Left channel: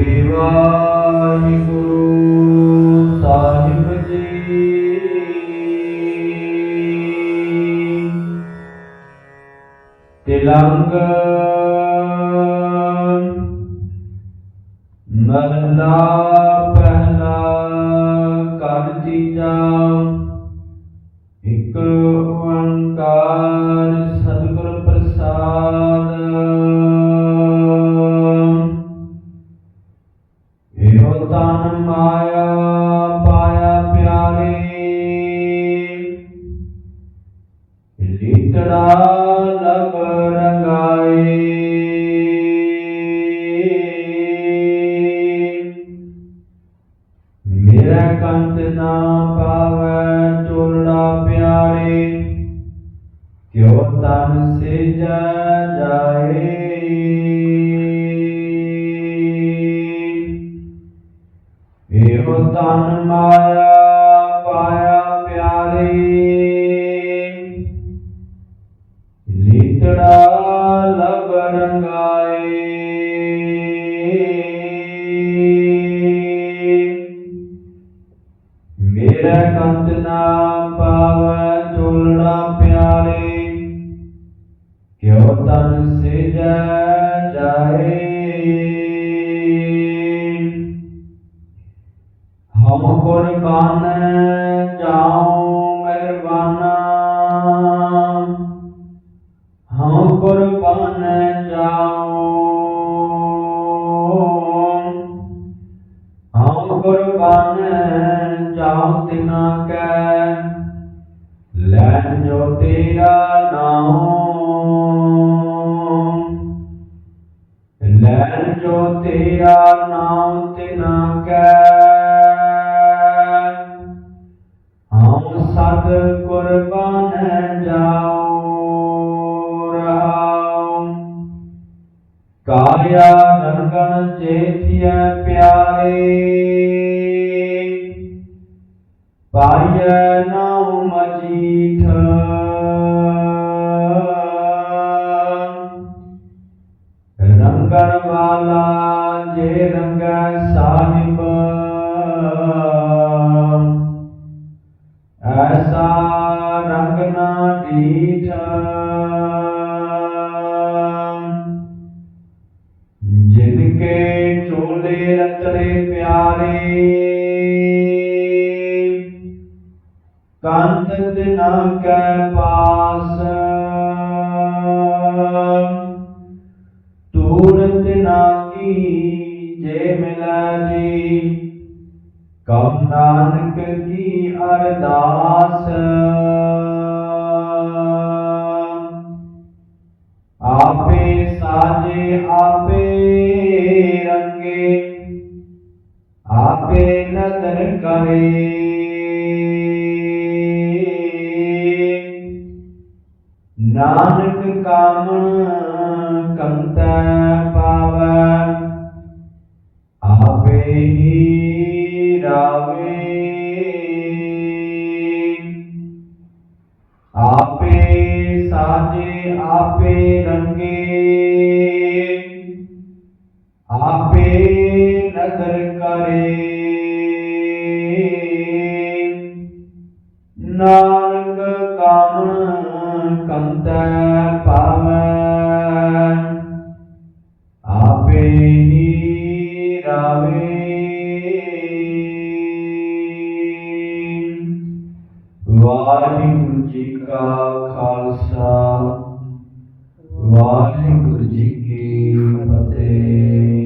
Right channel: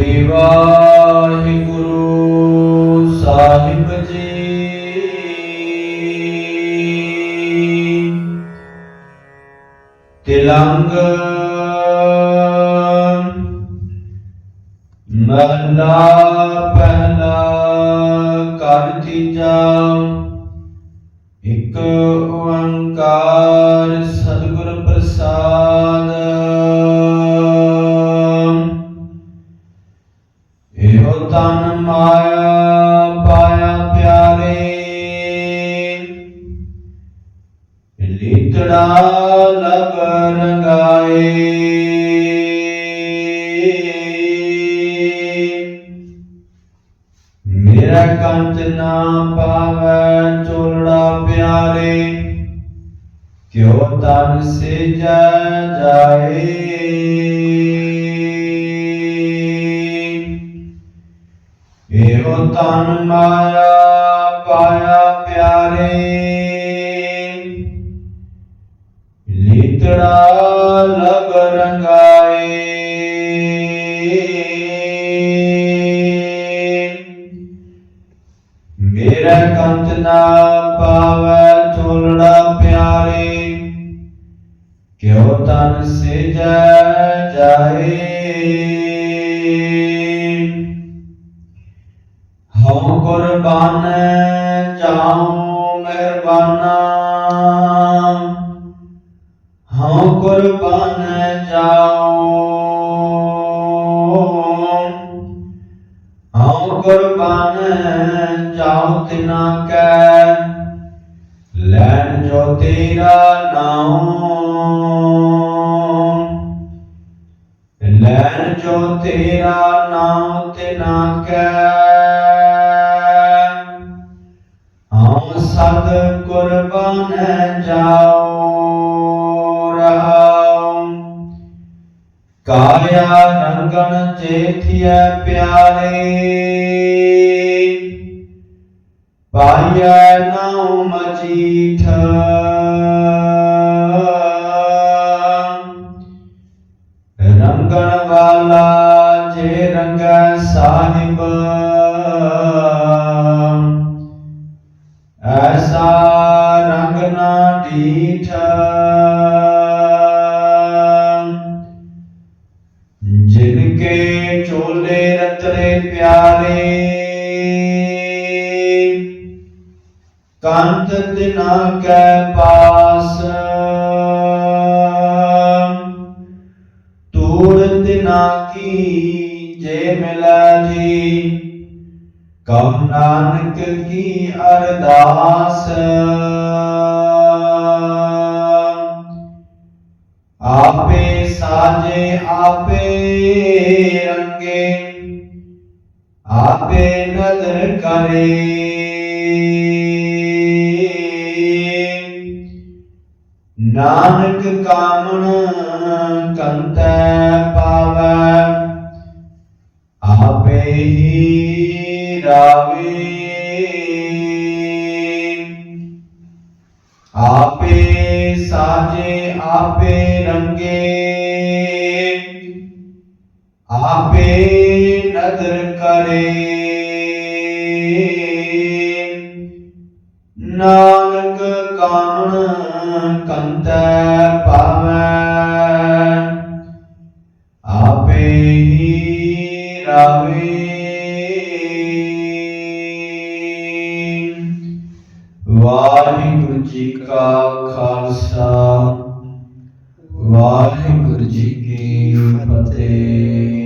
ਸ੍ਰੀ ਵਾਹਿਗੁਰੂ ਸਾਹਿਬ ਜੀ। ਤਿਲੰਗ ਮਹਲਾ ਪਹਿਲਾ ਕਰ ਤੀਜਾ। ਇਕ ਓੰਕਾਰ ਸਤਿਗੁਰ ਪ੍ਰਸਾਦ ਲੀਤੜਾ ਲਗ ਰੰਗਾਏ ਮੇਰਾ ਕੰਤ ਨਾ ਪਾਵੈ ਚੋਲੜਾ ਪਿਆਰੇ ਕਿਉ ਤਨ ਸਿਜੈ ਜਾਏ ਇਹੋ ਤਨ ਮਾਇਆ ਪਾਇਆ ਪਿਆਰੇ ਲੀਤੜਾ ਲਗ ਰੰਗਾਏ। ਮੇਰਾ ਕੰਤ ਨਾ ਪਾਵੈ ਚੋਲੜਾ ਪਿਆਰੇ, ਕਿਉ ਤਨ ਸਿਜੈ ਜਾਏ। ਹਮ ਕੁਰਬਾਨ ਜਾਉ ਹਮ ਕੁਰਬਾਨ ਜਾਉ ਹਮ ਕੁਰਬਾਨ ਜਾਉ ਤਿਨਾ ਕੈ ਲੈਣ ਜੋ ਤੇਰਾ ਨਾਮ ਲੈਣ ਜੋ ਤੇਰਾ ਨਾਮ ਤਿਨਾ ਕੈ ਹਮ ਸਦ ਕੁਰਬਾਨ ਕਾਇਆ ਰੰਗਣ ਜੇਥਿਐ ਪਿਆਰੇ। ਪਾਇਐ ਨਾਉ ਮਜੀਠ ਰੰਗਣ ਵਾਲਾ ਜੇ ਰੰਗੈ ਸਾਹਿਬ। ਐਸਾ ਰੰਗ ਨਾ ਡੀਠ ਚੋਲੇ ਪਿਆਰੇ। ਕੰਤ ਦਿਨਾ ਕੈ ਪਾਸ। ਤੂੜ ਦਿਨਾ ਕੀ ਜੇ ਮਿਲੈ ਜੀ। ਕਮ ਨਾਨਕ ਕੀ ਅਰਦਾਸ। ਆਪੇ ਸਾਜੇ ਆਪੇ ਕਰੇ। ਨਾਨਕ ਕਾਮਣ ਕੰਤੈ ਪਾਵੈ, ਆਪੇ ਹੀ ਰਾਵੇ। ਆਪੇ ਸਾਜੇ, ਆਪੇ ਰੰਗੇ। ਆਪੇ ਨਦਰ ਕਰੇ। ਨਾਨਕ ਕਾਮਣ ਕੰਤੈ ਪਾਵੈ। ਆਪੇ ਹੀ ਰਾਵੇ। ਵਾਹਿਗੁਰੂ ਜੀ ਕਾ ਖਾਲਸਾ। ਵਾਹਿਗੁਰੂ ਜੀ ਕੀ ਫਤਿਹ।